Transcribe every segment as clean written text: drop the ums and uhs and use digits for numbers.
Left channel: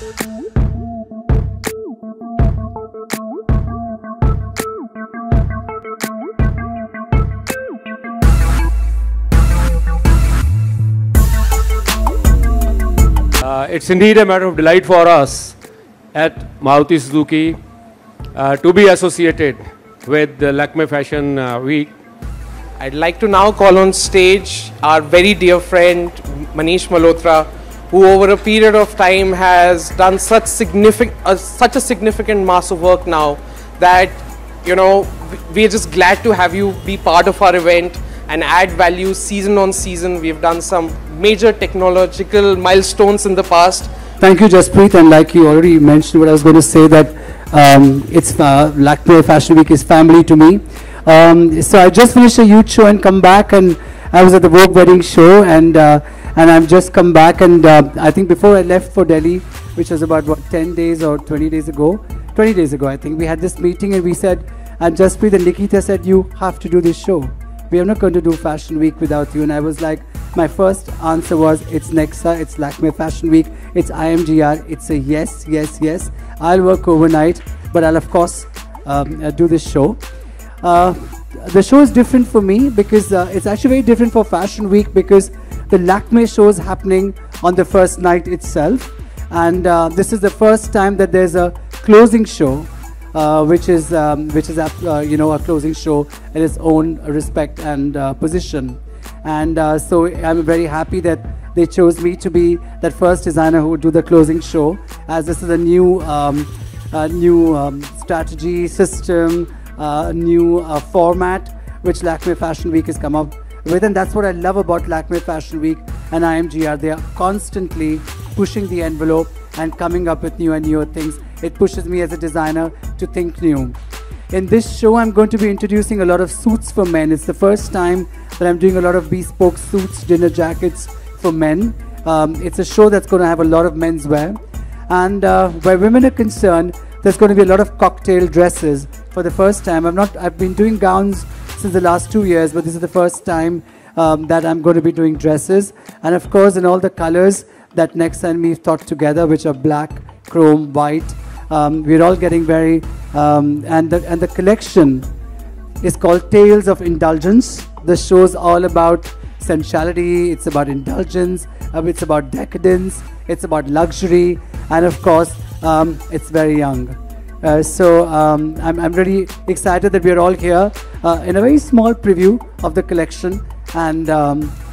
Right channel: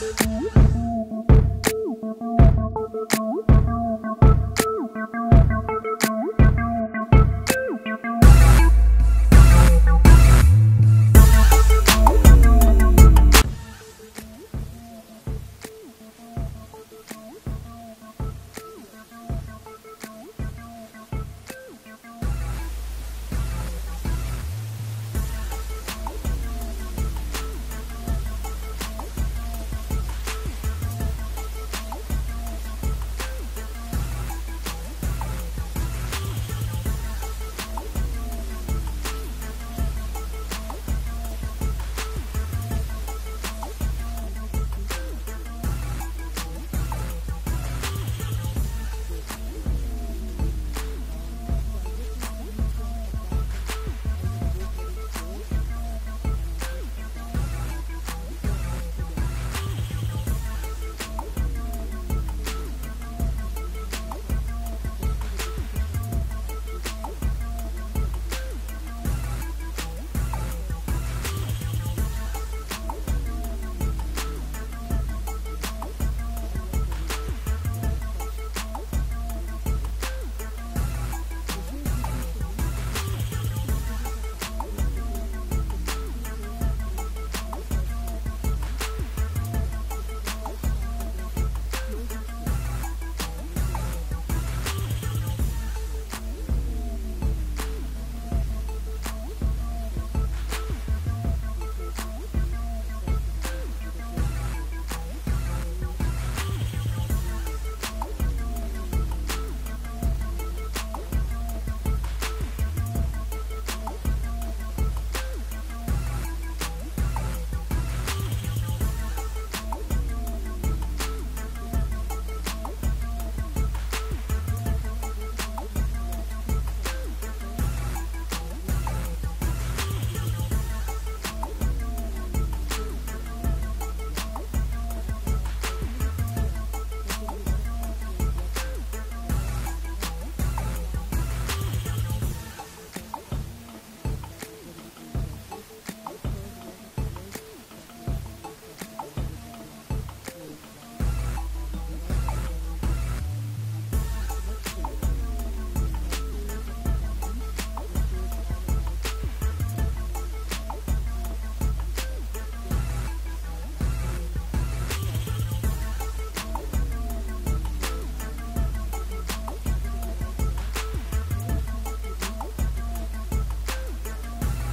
It's indeed a matter of delight for us at Maruti Suzuki to be associated with the Lakme Fashion Week. I'd like to now call on stage our very dear friend Manish Malhotra, who over a period of time has done such a significant mass of work now that, you know, we're just glad to have you be part of our event and add value season on season. We've done some major technological milestones in the past. Thank you, Jaspreet, and like you already mentioned what I was going to say, that it's Lakme Fashion Week is family to me. So I just finished a youth show and come back, and I was at the Vogue wedding show, and I've just come back, and I think before I left for Delhi, which was about what, 10 days or 20 days ago, 20 days ago I think, we had this meeting and we said, and Jaspreet and Nikita said, you have to do this show. We are not going to do Fashion Week without you. And I was like, my first answer was, it's Nexa, it's Lakme Fashion Week, it's IMGR, it's a yes, yes, yes. I'll work overnight, but I'll of course do this show. The show is different for me because it's actually very different for Fashion Week, because the Lakme show is happening on the first night itself. And this is the first time that there's a closing show, which is you know, a closing show in its own respect and position. And so I'm very happy that they chose me to be that first designer who would do the closing show, as this is a new strategy system, new format which Lakme Fashion Week has come up with. And that's what I love about Lakme Fashion Week and IMGR. They are constantly pushing the envelope and coming up with new and newer things. It pushes me as a designer to think new. In this show, I'm going to be introducing a lot of suits for men. It's the first time that I'm doing a lot of bespoke suits, dinner jackets for men. It's a show that's going to have a lot of menswear. And where women are concerned, there's going to be a lot of cocktail dresses for the first time. I've been doing gowns since the last 2 years, but this is the first time that I'm going to be doing dresses. And of course, in all the colors that Nexa and me thought together, which are black, chrome, white. We're all getting very, and the collection is called Tales of Indulgence. The show's all about sensuality, it's about indulgence, it's about decadence, it's about luxury, and of course, it's very young. So I'm really excited that we're all here in a very small preview of the collection, and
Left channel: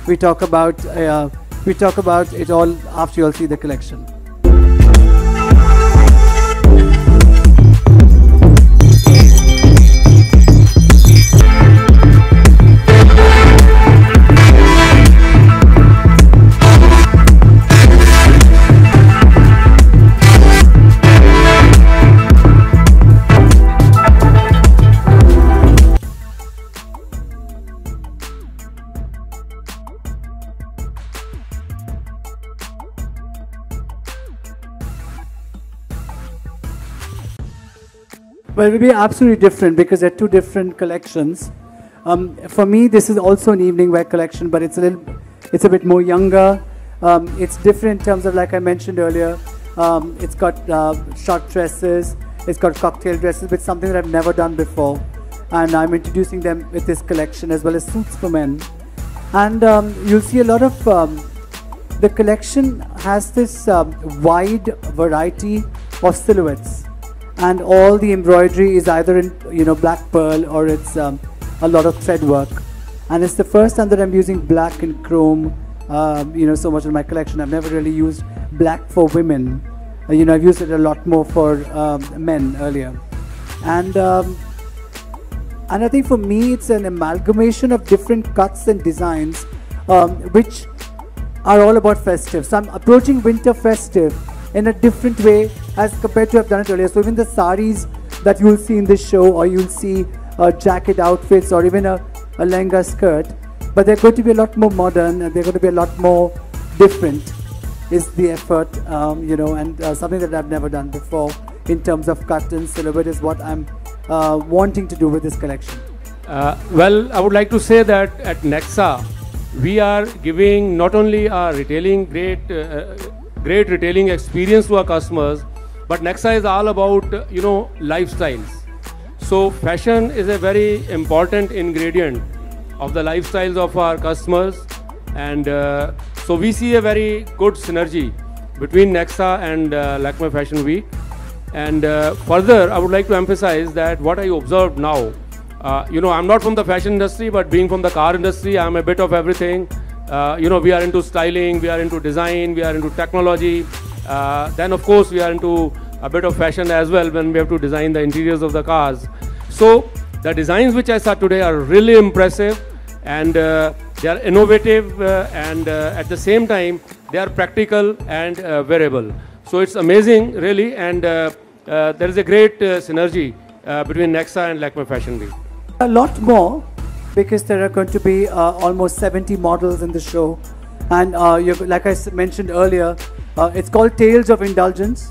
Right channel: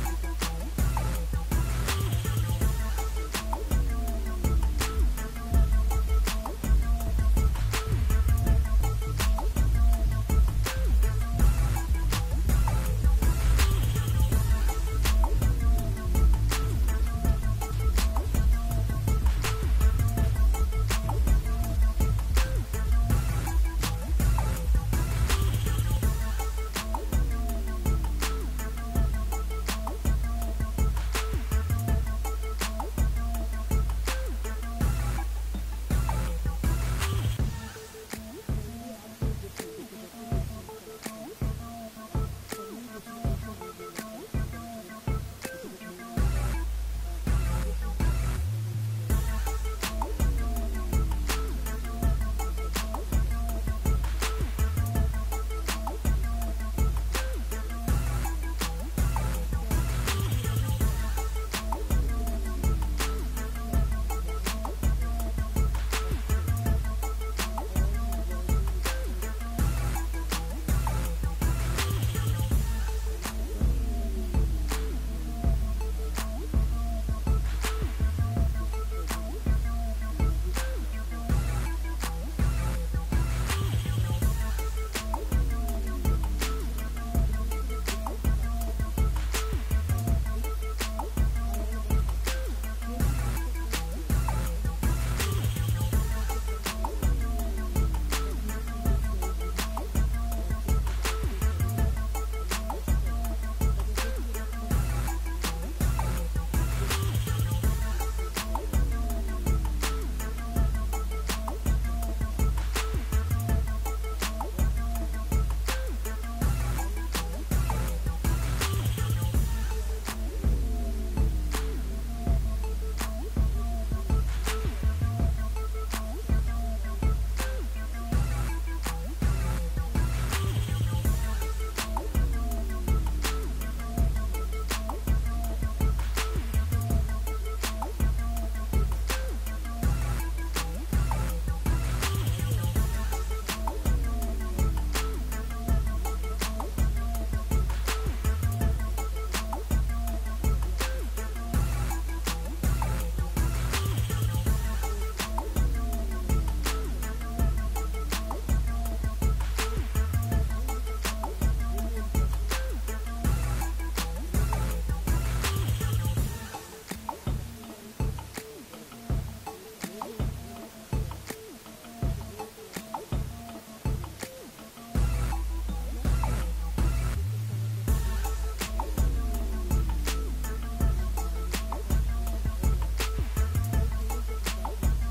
we talk about it all after you all see the collection. Well, it will be absolutely different because they're two different collections. For me, this is also an evening wear collection, but it's a bit more younger. It's different in terms of, like I mentioned earlier, it's got short dresses, it's got cocktail dresses, which is something that I've never done before. And I'm introducing them with this collection, as well as suits for men. And you'll see a lot of, the collection has this wide variety of silhouettes. And all the embroidery is either in, you know, black pearl, or it's a lot of thread work. And it's the first time that I'm using black and chrome, you know, so much in my collection. I've never really used black for women. You know, I've used it a lot more for men earlier. And I think for me, it's an amalgamation of different cuts and designs, which are all about festive. So I'm approaching winter festive in a different way as compared to I've done it earlier. So even the saris that you'll see in this show, or you'll see jacket outfits, or even a lehenga skirt, but they're going to be a lot more modern, and they're going to be a lot more different, is the effort, you know, and something that I've never done before in terms of cut and silhouette is what I'm wanting to do with this collection. Well, I would like to say that at Nexa, we are giving not only our retailing great great retailing experience to our customers. But Nexa is all about, lifestyles. So fashion is a very important ingredient of the lifestyles of our customers. And so we see a very good synergy between Nexa and Lakme Fashion Week. And further, I would like to emphasize that what I observed now, I'm not from the fashion industry, but being from the car industry, I'm a bit of everything. We are into styling, we are into design, we are into technology. Then of course we are into a bit of fashion as well when we have to design the interiors of the cars. So the designs which I saw today are really impressive, and they are innovative, and at the same time they are practical and wearable. So it's amazing really, and there is a great synergy between Nexa and Lakme Fashion Week. A lot more, because there are going to be almost 70 models in the show. And like I mentioned earlier, it's called Tales of Indulgence.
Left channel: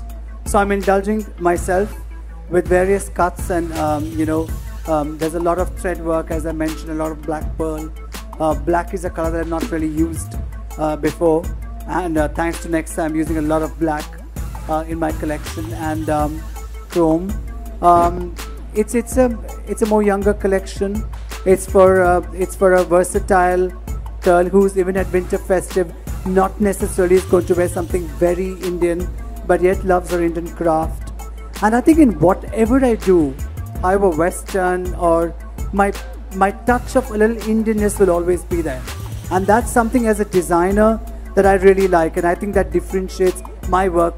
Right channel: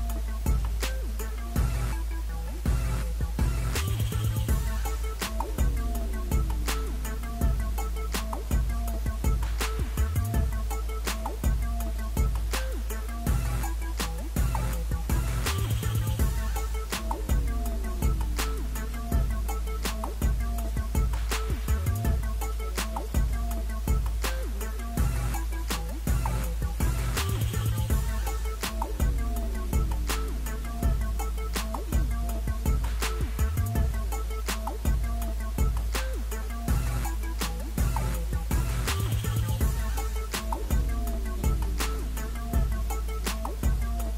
So I'm indulging myself with various cuts, and there's a lot of thread work, as I mentioned, a lot of black pearl. Black is a color that I've not really used before, and thanks to Nexa, I'm using a lot of black in my collection, and chrome. It's a more younger collection. It's for a versatile girl who's even at winter festive not necessarily is going to wear something very Indian, but yet loves her Indian craft. And I think in whatever I do, either Western or my touch of a little Indianness will always be there. And that's something as a designer that I really like, and I think that differentiates my work,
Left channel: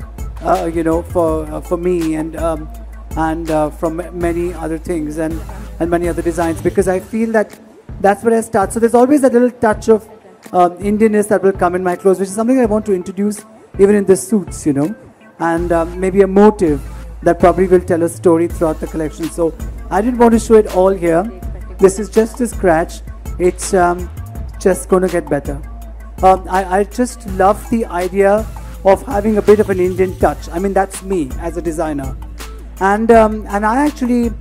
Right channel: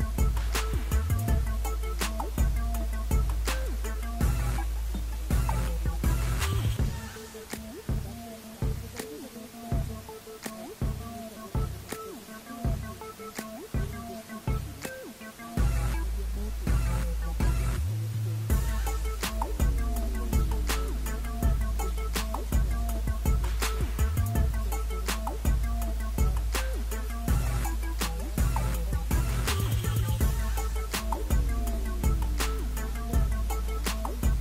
for me and from many other things and many other designs, because I feel that that's where I start. So there's always a little touch of Indianness that will come in my clothes, which is something I want to introduce even in the suits, and maybe a motive that probably will tell a story throughout the collection. So I didn't want to show it all here. This is just a scratch. It's just going to get better. I just love the idea of having a bit of an Indian touch. I mean, that's me as a designer. And I actually,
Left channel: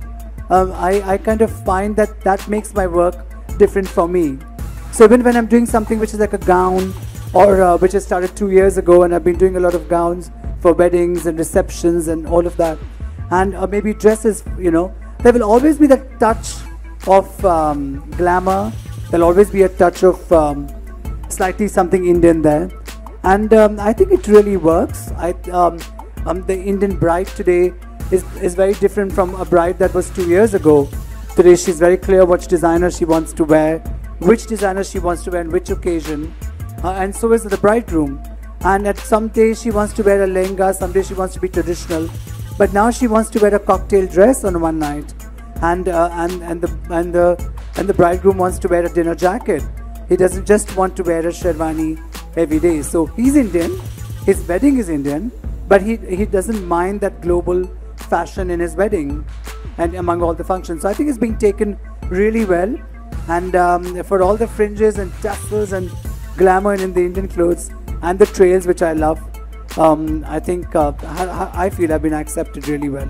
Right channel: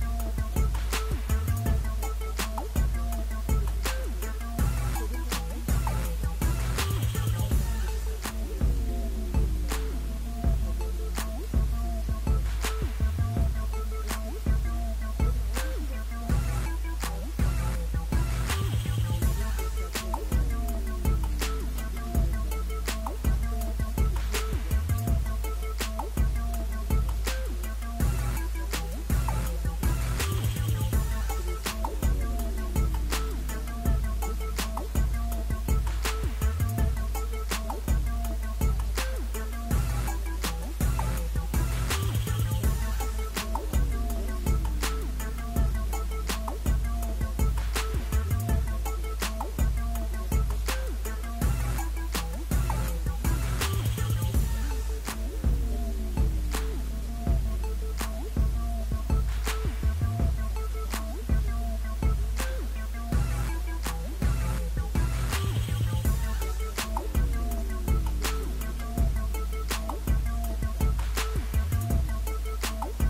I kind of find that makes my work different for me. So even when I'm doing something which is like a gown, or which I started 2 years ago, and I've been doing a lot of gowns for weddings and receptions and all of that, and maybe dresses, there will always be that touch of glamour. There'll always be a touch of slightly something Indian there, and I think it really works. The Indian bride today is very different from a bride that was 2 years ago. Today she's very clear which designer she wants to wear, which designer she wants to wear on which occasion, and so is the bridegroom. And at some days she wants to wear a lehenga, some days she wants to be traditional, but now she wants to wear a cocktail dress on one night, and the bridegroom wants to wear a dinner jacket. He doesn't just want to wear a sherwani every day. So he's Indian, his wedding is Indian, but he doesn't mind that global fashion in his wedding and among all the functions. So I think it's being taken really well, and for all the fringes and tassels and glamour in the Indian clothes and the trails, which I love, I think I feel I've been accepted really well.